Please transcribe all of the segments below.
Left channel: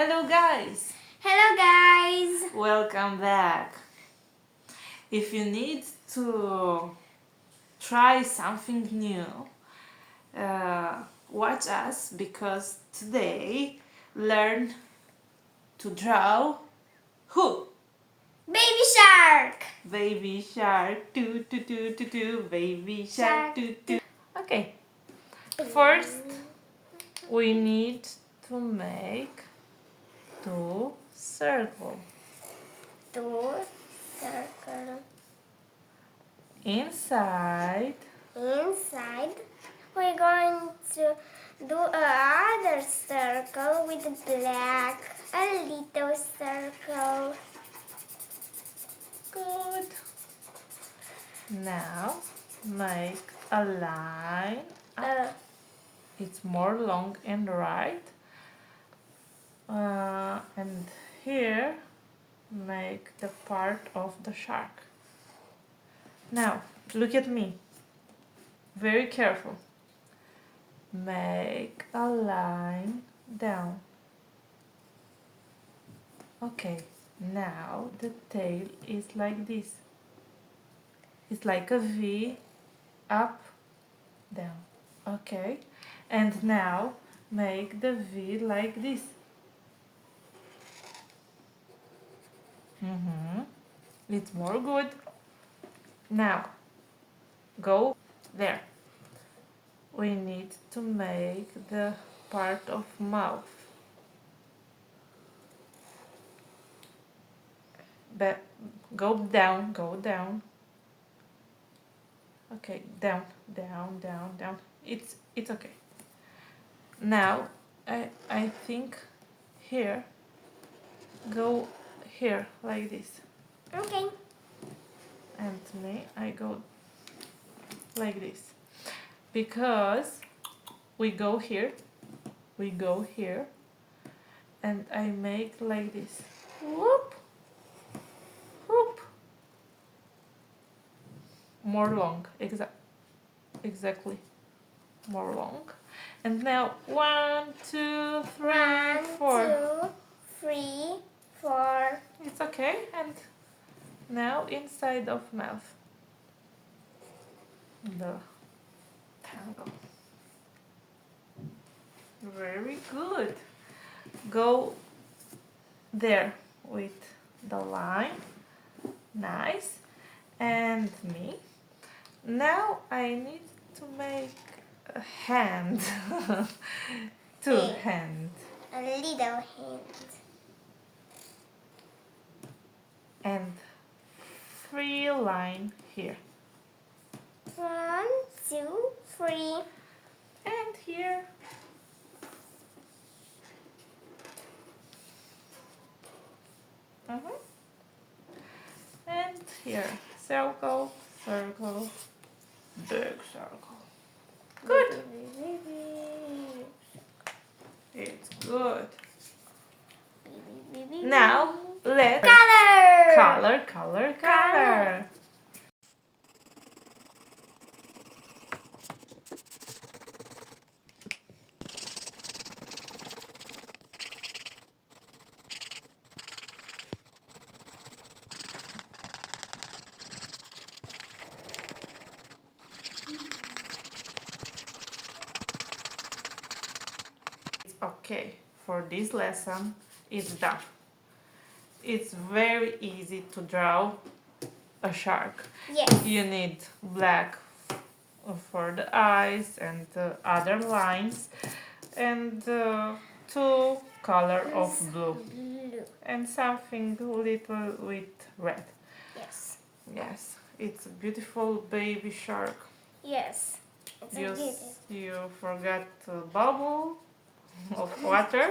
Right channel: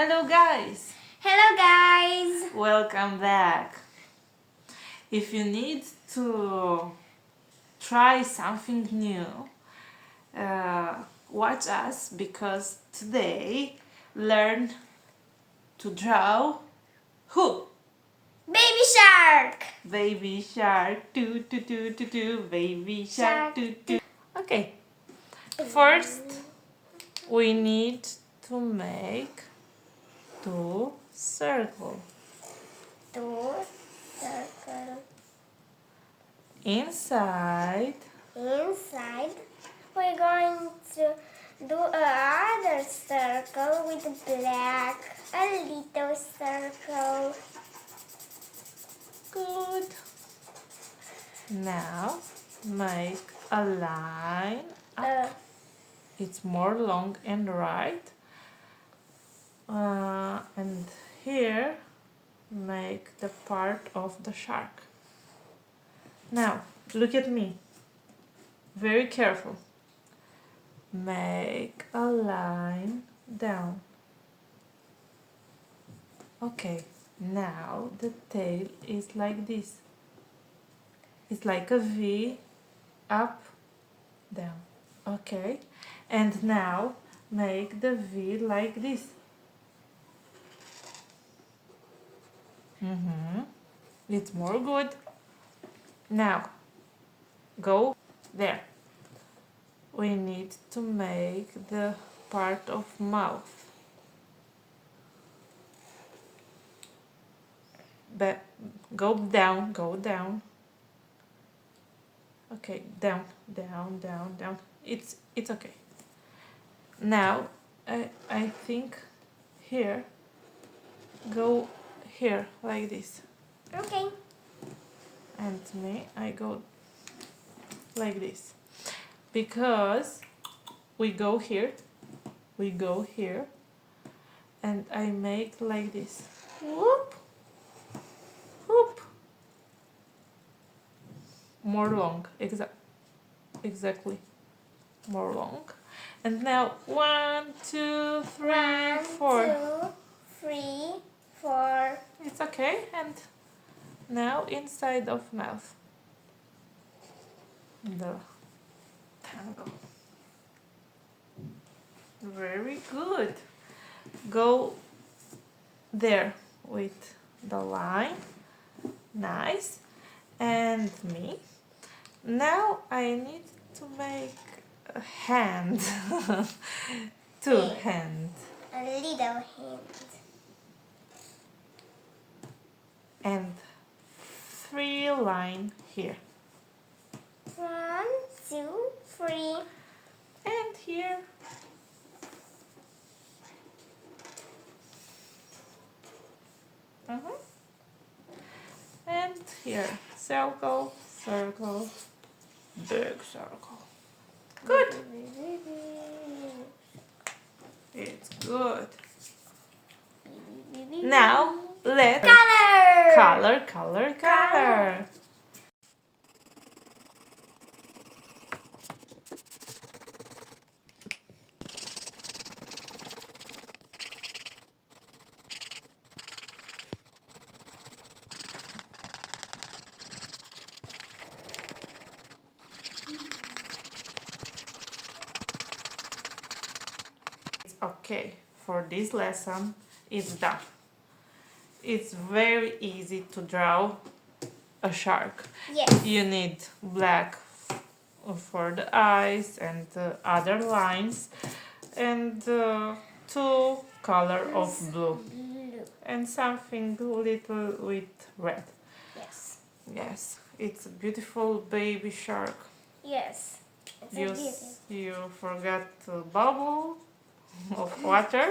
Hello guys! Hello guys! Welcome back! If you need to try something new, watch us because today learn to draw who? Baby shark! Baby shark, do do do do do, baby shark, do do. Okay, first we need to make two circles. Two circle. Inside, We're going to do another circle with black, a little circle. good. Now make a line. It's more long and right. And here make the part of the shark. Now look at me. Very careful. Make a line down. Okay, now the tail is like this. It's like a V, up, down. Okay, and now make the V like this. It's more good. Now go there. We need to make the part of mouth. But go down, go down. Okay, down, down, down, down. It's okay. Now I think here, go here like this. Okay. And me, I go like this. Because we go here, and I make like this. Whoop, whoop. More long, exactly, more long. And now 1, 2, 3, 4. 1, 2, 3, 4. It's okay. And now inside of mouth. The tangle. Very good. Go there with the line. Nice. And me. Now I need to make a hand. Two hands. A little hand. And 3 line here. 1, 2, 3. And here. And here. Circle, circle, big circle. Good. It's good. Now let's color. Okay, for this lesson it's done. It's very easy to draw a shark. Yes. You need black for the eyes and other lines, and 2 color of blue, and something little with red. Yes. Yes, it's a beautiful baby shark. Yes. It's a beauty. You forgot to bubble of water.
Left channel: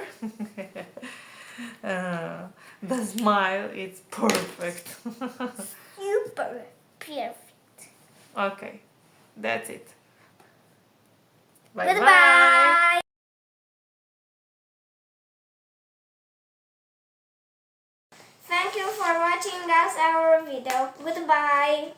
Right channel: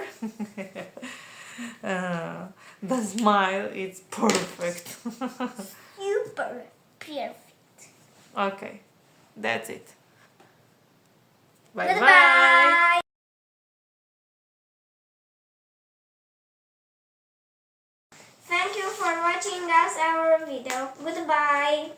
The smile is perfect. Super perfect. Okay, that's it. Bye bye. Goodbye. Thank you for watching us our video. Goodbye.